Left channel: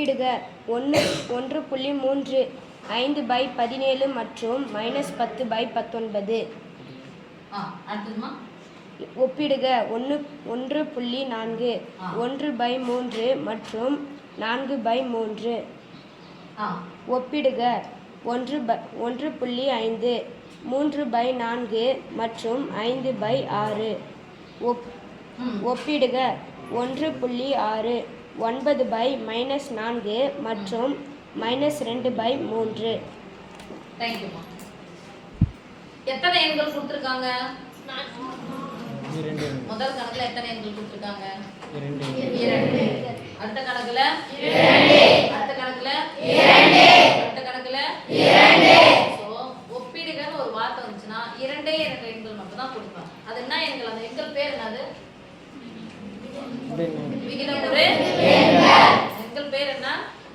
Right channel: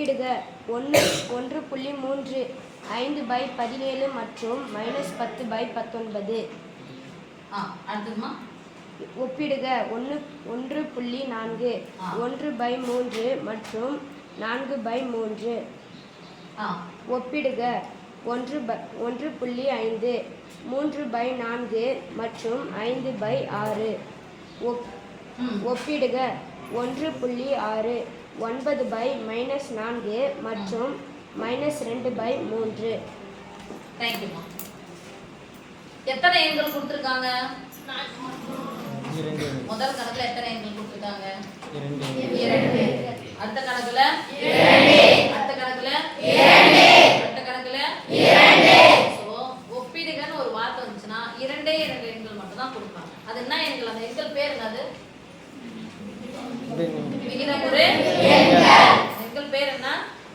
ஒப்பிடுக 1.3 5/17 மற்றும் -10/19. ஒப்பிடுக 1.4 1/3 மற்றும் 4/3. ஒப்பிடுக 1.5 3/4 மற்றும் 5/6. ஒப்பிடுக 1.6 9/-4 மற்றும் -2/3. எத்தனை எண்கள் கொடுத்திருக்காங்க? முதல் கணக்குல எத்தனை எண்கள் கொடுத்திருக்காங்க? 2. அடுத்த கணக்குல 2. அடுத்த கணக்குல 2. அடுத்த கணக்குல 2. சோ ஒப்பிடுகன்னு ஒரு வார்த்தை வந்துச்சுனா 2 எண்கள் மட்டும் தான் கொடுப்பாங்க. அது என்ன எண்கள்? அந்த எண்கள் பேர் என்னது? விகிதமுறு எண்கள். எண்கள் பேர் என்ன?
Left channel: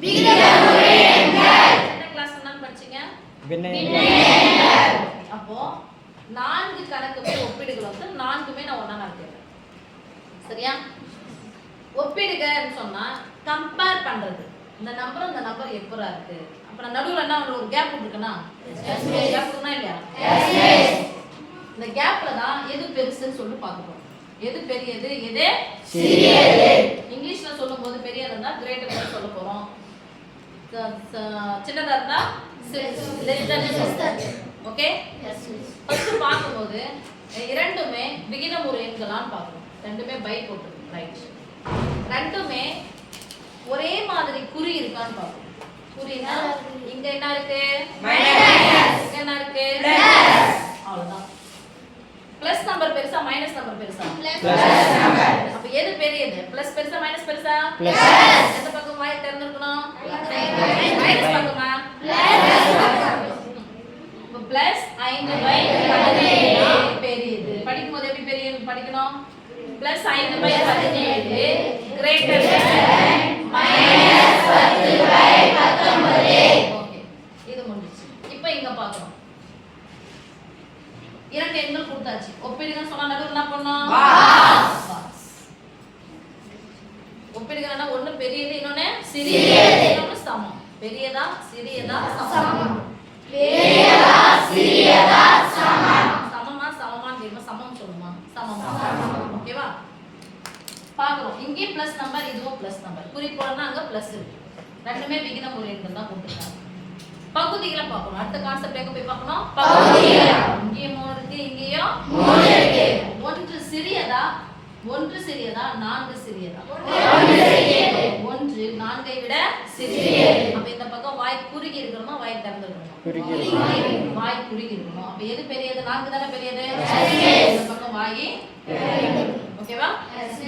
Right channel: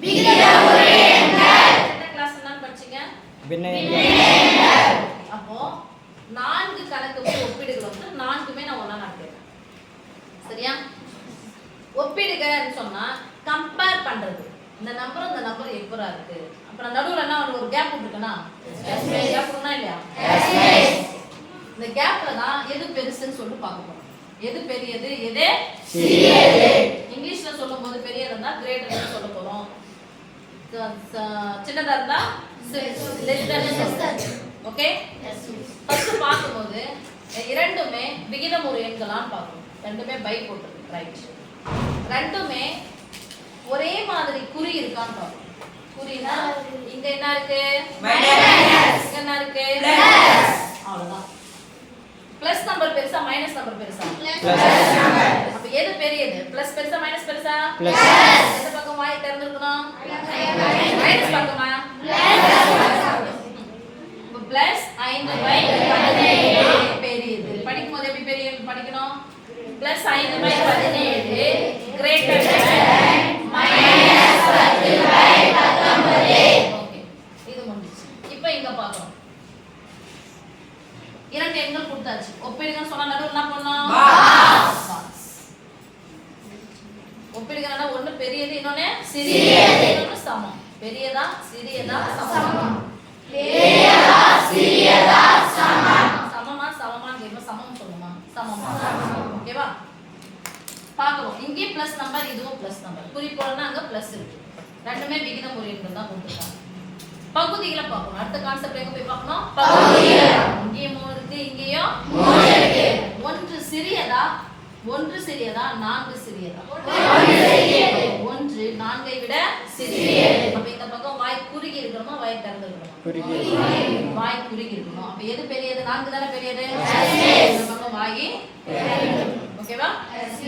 விகிதமுறு எண்கள். என்ன கிளாஸ் என்ன படிச்சீங்க? பின்ன எண்கள். அப்போ 4 கணக்கு ஒப்பிடுகள் வந்து 4மே நான் ஒண்ணா நடத்துறேன். சரியா? ஒப்பிடுகன்னு சொன்னா கம்பேர் பண்றது. இந்த நம்பர் எப்பரா இருக்கு? அப்ப நடுவுல என்ன ஒரு கேப் இருக்குனா? Yes miss. கேப் இருக்குனா இல்லையா? Yes miss. இந்த கேப்ல தான் எது பெருசுன்னு சொல்லி பார்க்கணும். எது பெரியது, எது சிறியது. இங்கிலீஷ்ல சொல்லும்போது பெரியதா இருந்தா கிரேட்டர் சொல்ல போறோம். சின்னதா இருந்தா less than. Okay? Yes miss. First பாக்கும்போது இரண்டுமே விகிதமுறு எண்களான்னு பார்க்கணும். ரெண்டுமே பை போட்டுருக்கு. ரைட். ரெண்டுமே ஒரே மாதிரி குறி இருக்கான்னு பார்க்கணும். குறினா இங்க என்ன இருக்கு? மைனஸ். இங்க என்ன இருக்கு? பிளஸ். அவ்வளவுதான். பிளஸ் நம்பர் பெருசா மைனஸ் நம்பர் பெருசா? Plus number. அப்ப எது பெரியது? பிளஸ் பெருசா மைனஸ் பெருசா? பிளஸ். எந்த பக்கம் வாய் திறந்திருக்கணும்? மைனஸ் பக்கமா? பிளஸ். பிளஸ் 5/17 பெரியது. படிக்கும்போது எப்படி பெரிய படிக்கணும்? Plus 5/17 greater than -10/19. ஓகே, இது முடிஞ்சிச்சு. இப்போ இங்க பார்க்கணும். இரண்டு எண்கள் கொடுத்தாச்சு. ஒப்பிடுகன்னு சொன்னா நடுவுல என்ன பண்ணனும்? பாக்ஸ். ஒப்பிடுகன்னா ஒண்ணு பெரியது, இன்னொன்னு சிறியது, இன்னொன்னு சமம். பெரியதா சிறியதா சமம்? பெரியதா சிறியதா சமம். சமமா சமமான்னு கேட்போம். சமம் சொல்லுமா? சமமா. ஓகேவா? பார்க்கறோம். இங்கே பிளஸ் நம்பர், இதுவும் பிளஸ் நம்பர். குறிப்போடனா அங்க பிளஸ் இருக்கு. ரெண்டுமே விகிதமுறு எண்கள் தான் கொடுத்திருக்காங்க. பகுதிகளை பார்க்கணும். அடுத்த கான்செப்ட் எங்க போய் பார்க்கணும்? பகுதிகள். இங்கே 3 இருக்கு, இங்கேயும் 3 இருக்கு. ஒன்று சிறியதா, 4 சிறியதா? 1 சிறியது. 1 4ஐ விட சிறியது. அப்ப இந்த பக்கம் வாய் குறுகி இருக்கணுமா, வாய் திறந்து இருக்கணுமா? குறுகி. வாய் குறுகி இருக்கணும். அப்ப எது பெரியது? 4 தான பெரியது. இந்த பக்கம் வாய். ஓகேவா?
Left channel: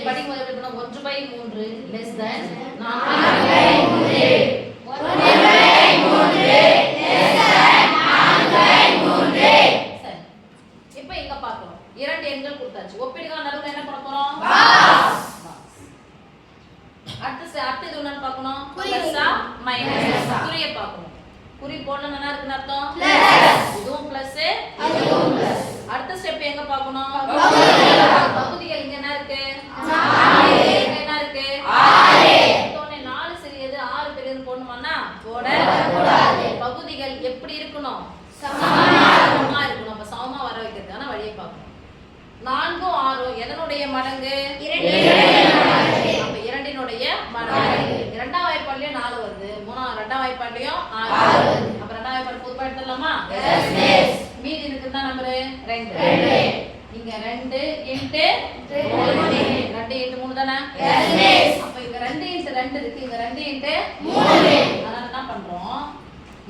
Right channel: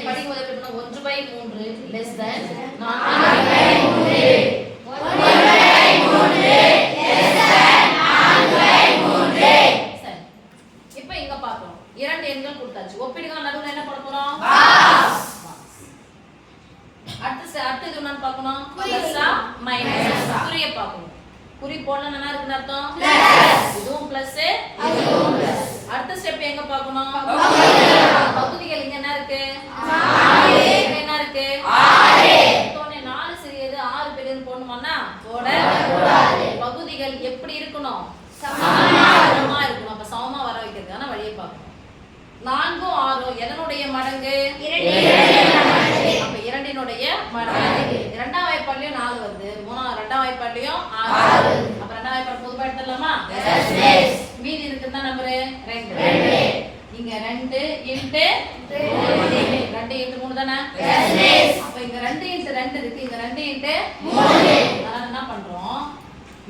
படிக்கும்போது எப்படி இருக்கணும்? 1/3 less than 4/3. 1/3 less than 4/3. சரி. இப்போ இங்க பார்க்கணும். இரண்டு எண்கள் கொடுத்தாச்சு. ஒப்பிடுக நடுவுல என்ன பண்ண போறோம்? பாக்ஸ். அடுத்து இது என்னன்னு பார்க்கணும்? பிளஸ்ஸா மைனஸ். குறியை பார்க்கணும். குறி போடணும் என்ன இருக்குன்னு அர்த்தம்? பிளஸ். இதுவும் பிளஸ், இதுவும் பிளஸ். அடுத்த ஸ்டெப் எங்க பார்க்கணும்? பகுதிகள். இங்க என்ன இருக்கு? 4. இங்க என்ன இருக்கு? 6. மொத்தமே 4 சிறியது 6 பெரியது போடணுமானா? போடக்கூடாது. பகுதிகள் எப்படி இருக்கணும்? சமமா இருக்கணும். அப்ப சமமா வர வைக்கிறதுக்கான வழியை பார்க்கணும். 4 6 எதனுடைய மடங்கு? 2. அப்ப 2னுடைய மடங்கு. இரண்டாம் வாய்ப்பாடுலயும் 4 வருது. இரண்டாம் வாய்ப்பாடுலயும் 6. அப்ப இரண்டாம் வாய்ப்பாடு பொதுவா எடுத்துடலாமா? Yes miss. மீதி இருக்குன்னா நம்பர் 2. இங்க 2 * 2 * 3 தானே? Yes miss. அப்ப இங்க 2 * 2 இருக்கு. இங்க 2 * 3. அதனால என்ன பண்றோம்?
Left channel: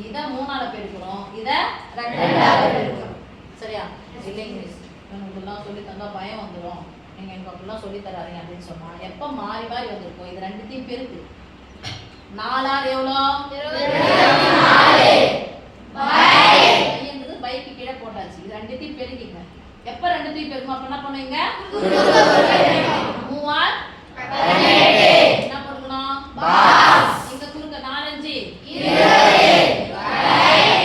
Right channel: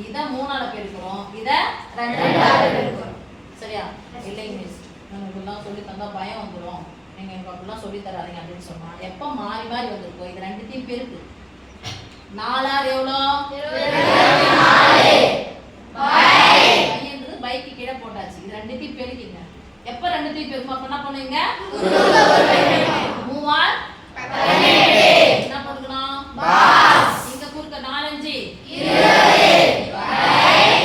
இத 3ஆல பெருக்குறோம். இத 2ஆல பெருக்குறோம். சரியா? இல்லைங்க மிஸ். உங்களுக்குலாம் சொல்லி தந்தா பயம் வந்துரும். நீங்க எனக்கு அப்படிலாம் சொல்லி தராதீங்க அப்படின்னு சொன்னா எப்ப மாறி மாறி வந்திருக்கோம். இது ரெண்டுத்தையும் பெருக்கு. 4 ஆர் எவ்வளோ? 24. பையன்றது பைக்கு கீழே போட்டாச்சு. இது ரெண்டுத்தையும் பெருக்கிங்க. எப்ப ரெண்டுத்தையும் பெருக்கும் அப்ப என்ன பண்ணுவீங்க? 3 ஆர் 18. என்ன பண்ணுக்கணும்? பாக்ஸ். இங்க குறுக்க 4 5 20.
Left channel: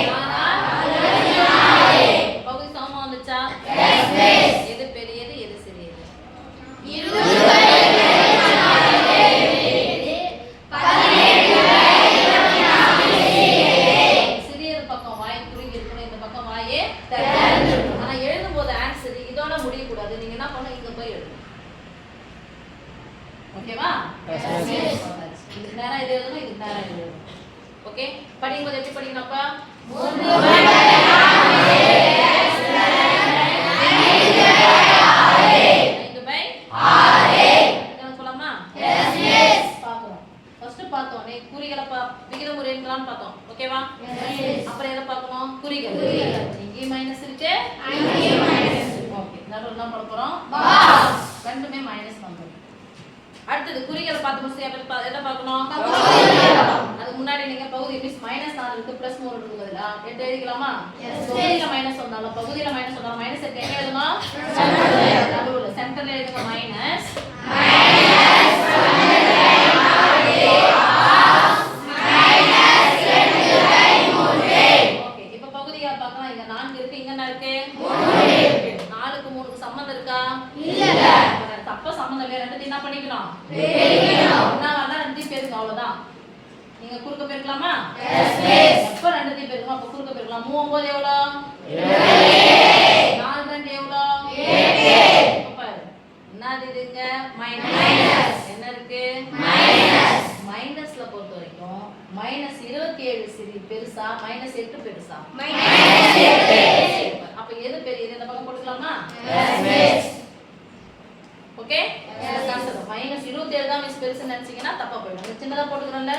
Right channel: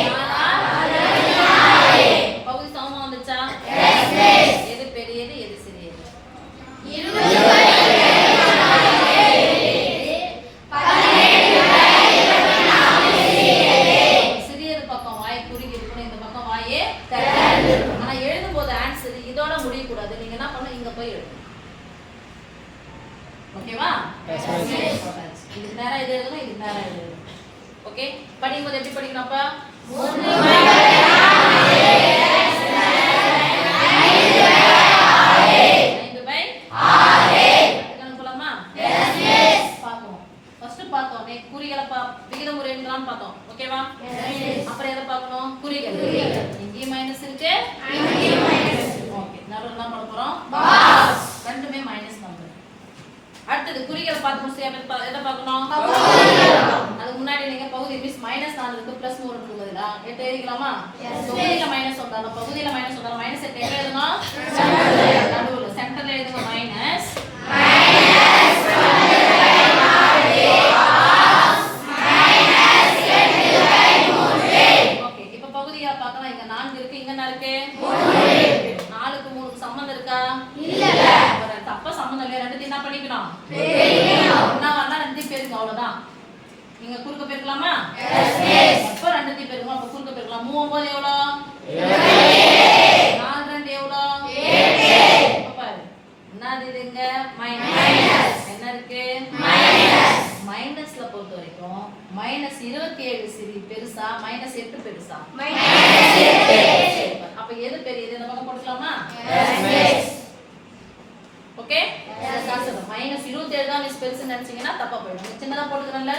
4 ஆர் 24. பகுதி சமமா வந்துச்சா? Yes miss. எது பெரியது, எது சிறியது? 20. நேரா இது எழுதணும், இது நேரா இது எழுதணும். ஓகே, படிக்கும்போது எப்படி படிக்கணும் அப்ப? 5/6 போலாமா? பார்ப்போம். ஃபர்ஸ்ட் பார்த்தோம் குறிகளை விகிதம் ஒரு எண்களான்னு பார்த்தோம். ஓகேவா? அப்புறம் எதை பார்க்கணும்? குறிகள். இங்கேயும் மைனஸ் இருக்கு, ஓகே, நடுவுல போட போறோம், ரெண்டுமே மைனஸ் நம்பர். அடுத்தது குறிகளை பார்த்து முடிச்சு எதை பார்க்கணும்? அதுக்கு முன்னாடி நீங்க பகுதி மீன்ஸ் -4 இருக்கு +3 இருக்கு பதிலா 8 எழுதிக்கலாமா? பகுதியில மைனஸ் வந்தாலும் மைனஸ் 8 எங்க எழுதணும்? நடுவுல சென்டர்ல எழுதுங்க மைனஸ். ஓகே, இப்போ பகுதியா பார்க்கலாம். இங்க 4 இருக்கு, இங்க என்ன இருக்கு? 4க்கு 3க்கு சம்பந்தம் இருக்கா? இல்ல. தப்ப சம்பந்தம் இல்ல. ரெண்டுத்தையும் என்ன பண்ணிக்கணும்? ஒண்ணா வரலாம், ரெண்டுத்தையும் பெருங்க, அவ்வளவுதான். நீங்க குறுக்க பெருக்கலாமா? எப்ப ரெண்டுத்தையும் பெருங்க, அப்ப குறுக்க பெருக்கலாம். 3 எவ்வளோ? 4 2 எவ்வளோ? 8. பாரு, என்னது இதுங்க? மைனஸ். என்ன இருக்கு? மைனஸ்ல பொறுத்த வரைக்கும் -27 சிறிய பெருசா, -8 பெருசா? அப்ப எது பெரியது? இந்த பக்கம் போட்டுக்கலாமா? ஓகே, -27 தான் மிஸ் பெருசு நினைச்சீங்கன்னா தப்பா போயிடும். சின்னதா போட்டுக்கிறோம்ல.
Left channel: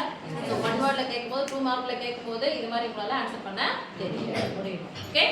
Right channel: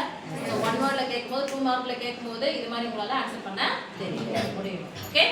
சோ 1 வேர்ட்ல கேட்கும்போது 2 மார்க்ல கேட்கும்போது இது மாதிரி உங்களால ஆன்சர் பண்ண தெரியும். ஓகே.